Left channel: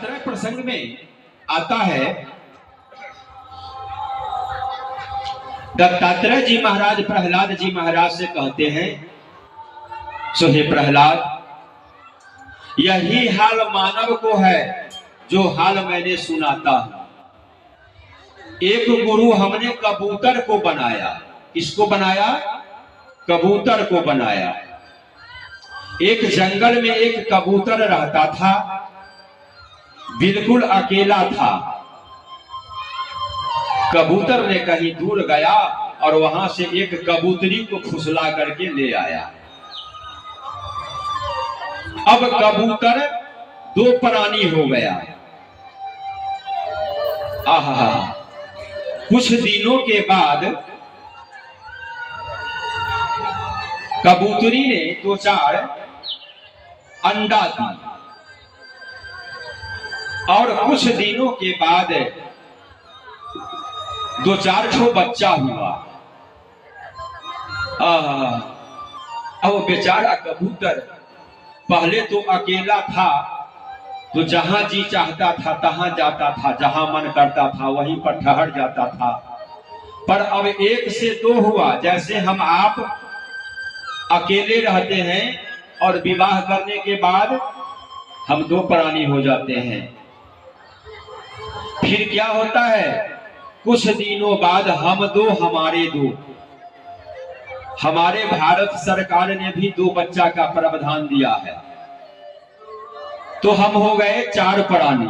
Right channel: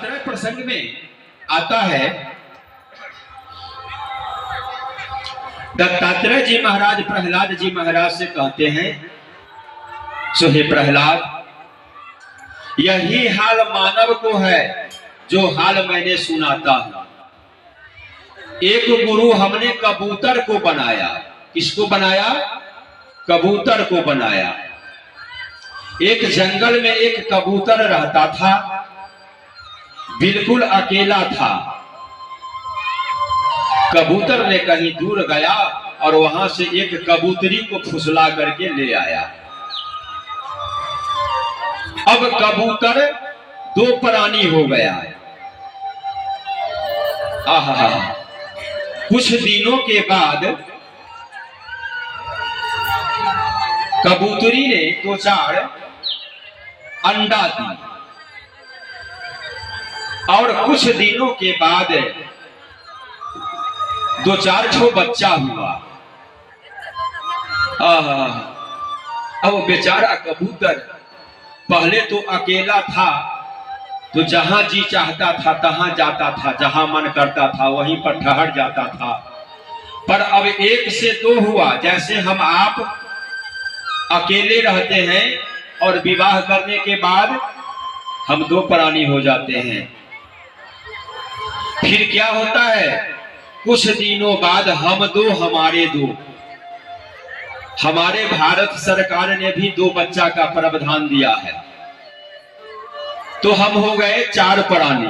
दत्तात्रेय प्रसंग में आता है, दत्तात्रेय जी महाराज प्रहलाद जी महाराज से कहते हैं, सो हे प्रहलाद, यही हाल मानव को है जो हाल मैंने सुनाता हूं। एक गुरु हमने कबूतर को बनाया। किसको बनाया? कबूतर को बनाया। एक जंगल में एक कबूतर रहता था, बिल्कुल अकेला था। कबूतर ने कहीं दूर गया और वहां से एक कबूतरी को फुसला करके ले आया। अब कबूतर दो प्राणी हो गया। आहा, कुछ दिनों के बाद कबूतरी ने दो चार अंडा दी और कुछ दिनों के बाद दो चार ठो बच्चा हुआ। अब बेचारा कबूतर पहले तो अकेला था, तो जहां जी चाहता था तहां जाता था, जहां मन करता था वहीं पर ठहर जाता था। पर अब एक से दो हुआ। जैसे हम आप अकेले रहते हैं और विवाह करने के बाद हम दो प्राणी हो जाते हैं। फिर क्या होता है? कुछ दिनों बाद हम दो, हमारे दो। हमारे भारत सरकार ने भी दो बच्चा का प्रावधान दिया है, तो हम हो गए चार प्राणी।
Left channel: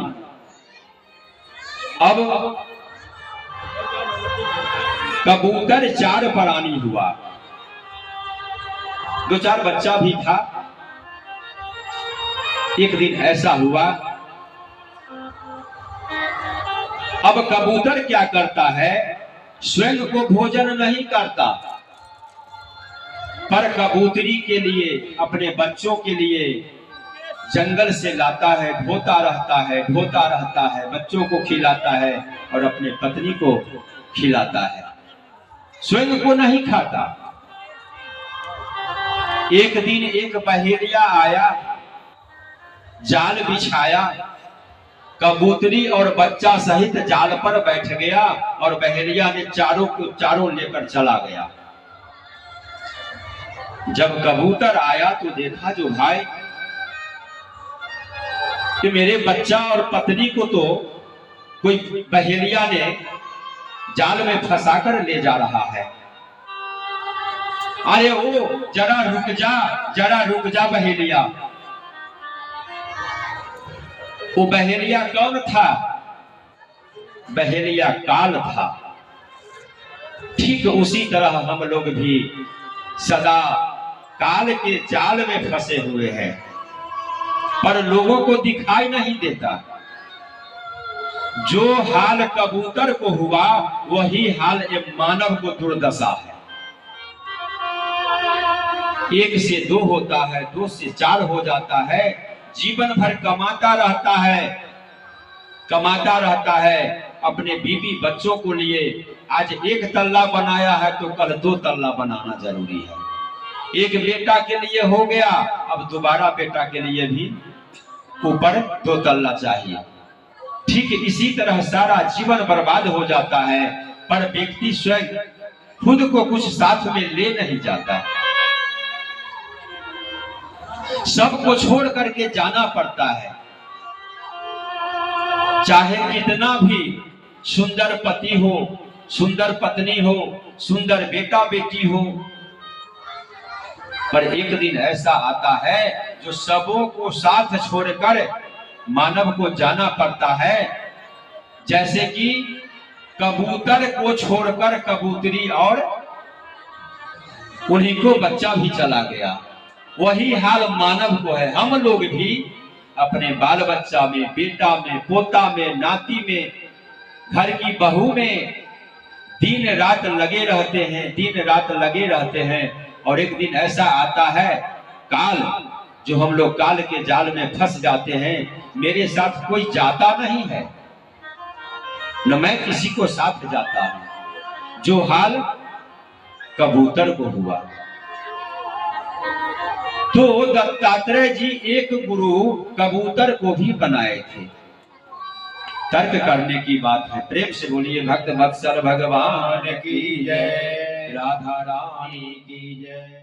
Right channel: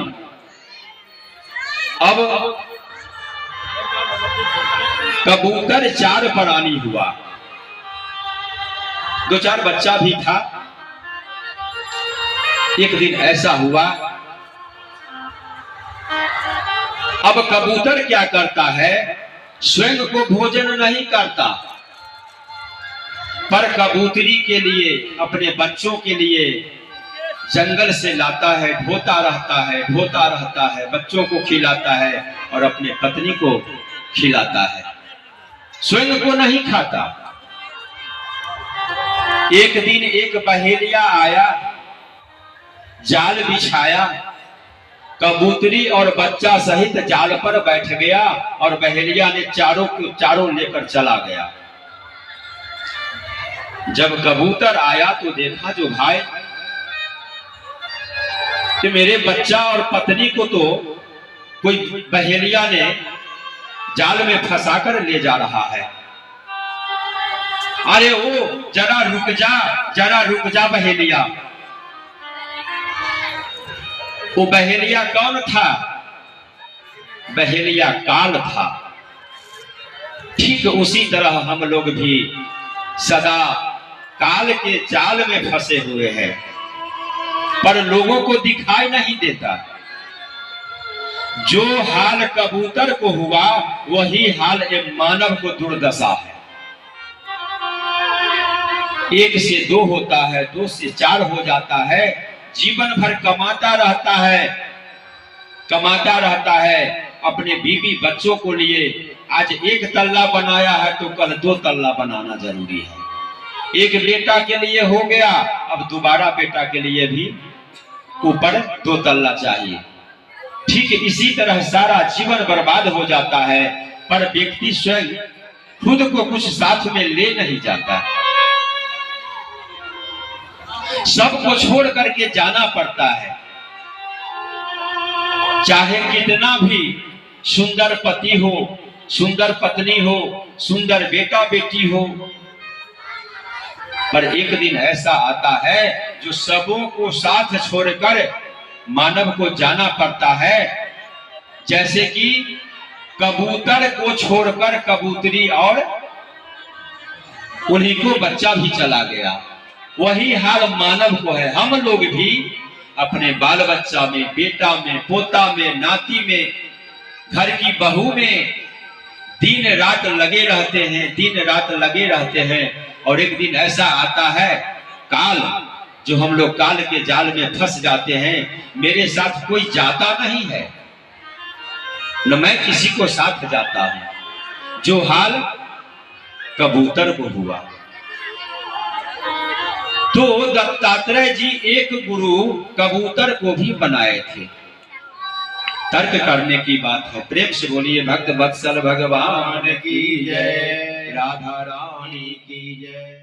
अब कबूतर चार प्राणी हुआ, दो चार बच्चा भी था। एक दिन ऐसा हुआ, अब कबूतर क्या करता है? स्वयं को भोजन नहीं करता, पर कबूतरी के लिए, अपने बच्चों के लिए जंगल से लाता है, ढोता रहता है, बच्चों को खिलाता है और अपने पत्नी को खिलाता है, स्वयं को नहीं खाता। एक दिन एक बहेलिया आया, जाल बिछाया, कबूतरी और बच्चा सहित जाल पर बैठ गया और बहेलिया ने चारों को चारों लेकर चला गया। जब कबूतर आया तो देखा, जो भाई कि मेरे बच्चा और पत्नी को तो कोई बहेलिया ने जाल में फंसाकर ले जा रहा है। अरे ओ जरा रुक जा बहेलिया। वो बहेलिया कौन था? बहेलिया काल था। ठीक उसी तरह हम लोग भी सदा काल के जाल में फंसे हुए हैं, पर लोगों को दिखाई नहीं देता। जो हाल कबूतर को हुआ वही हाल एक मानव को दुर्दशा है। एक से दो होता है, दो से चार हो जाता है, जीवन भर कमाता रहता है अपने बीवी बच्चों को लिए। आज एक तल्ला बनाया है तो कल दो तल्ला बनाना जरूरी है। एक बेटा के लिए हो गया, अब दोबारा बेटा के लिए भी ऊपर दो तल्ला चाहिए। ठीक इसी तरह सारा जीवन बर्बाद हो जाता है, पर व्यक्ति स्वयं खुद को कुछ साथ में ले नहीं जाता। सबको छोड़ करके जाना पड़ता है। चाहे कितना भी सुंदर पति हो, सुंदर पत्नी हो, सुंदर बेटा बेटी हो, पर एक दिन ऐसा आता है जो सबों को साथ छोड़कर मानव को जाना पड़ता है। जैसे कि कबूतर को छोड़कर कबूतरी और उन्हीं को बच्चा भी चला गया। वही हाल मानव को है। हम लोग भी अपने बाल बच्चा में, बेटा में, पोता में, नाती में, घर की बहू में दिन रात लगे रहते हैं। और एक दिन ऐसा आता है काल, जो हम लोग काल के जाल में फंस जाते हैं। मेरे साथ कोई जाता नहीं है, न मैं किसी को साथ जाता हूं। जो हाल कबूतर को हुआ। तो दत्तात्रेय जी एक गुरु कबूतर को भी बनाए थे। तर्क करने की बात है। प्रेम से बोलिए भक्त वत्सल भगवान की जय, राधा रानी की जय।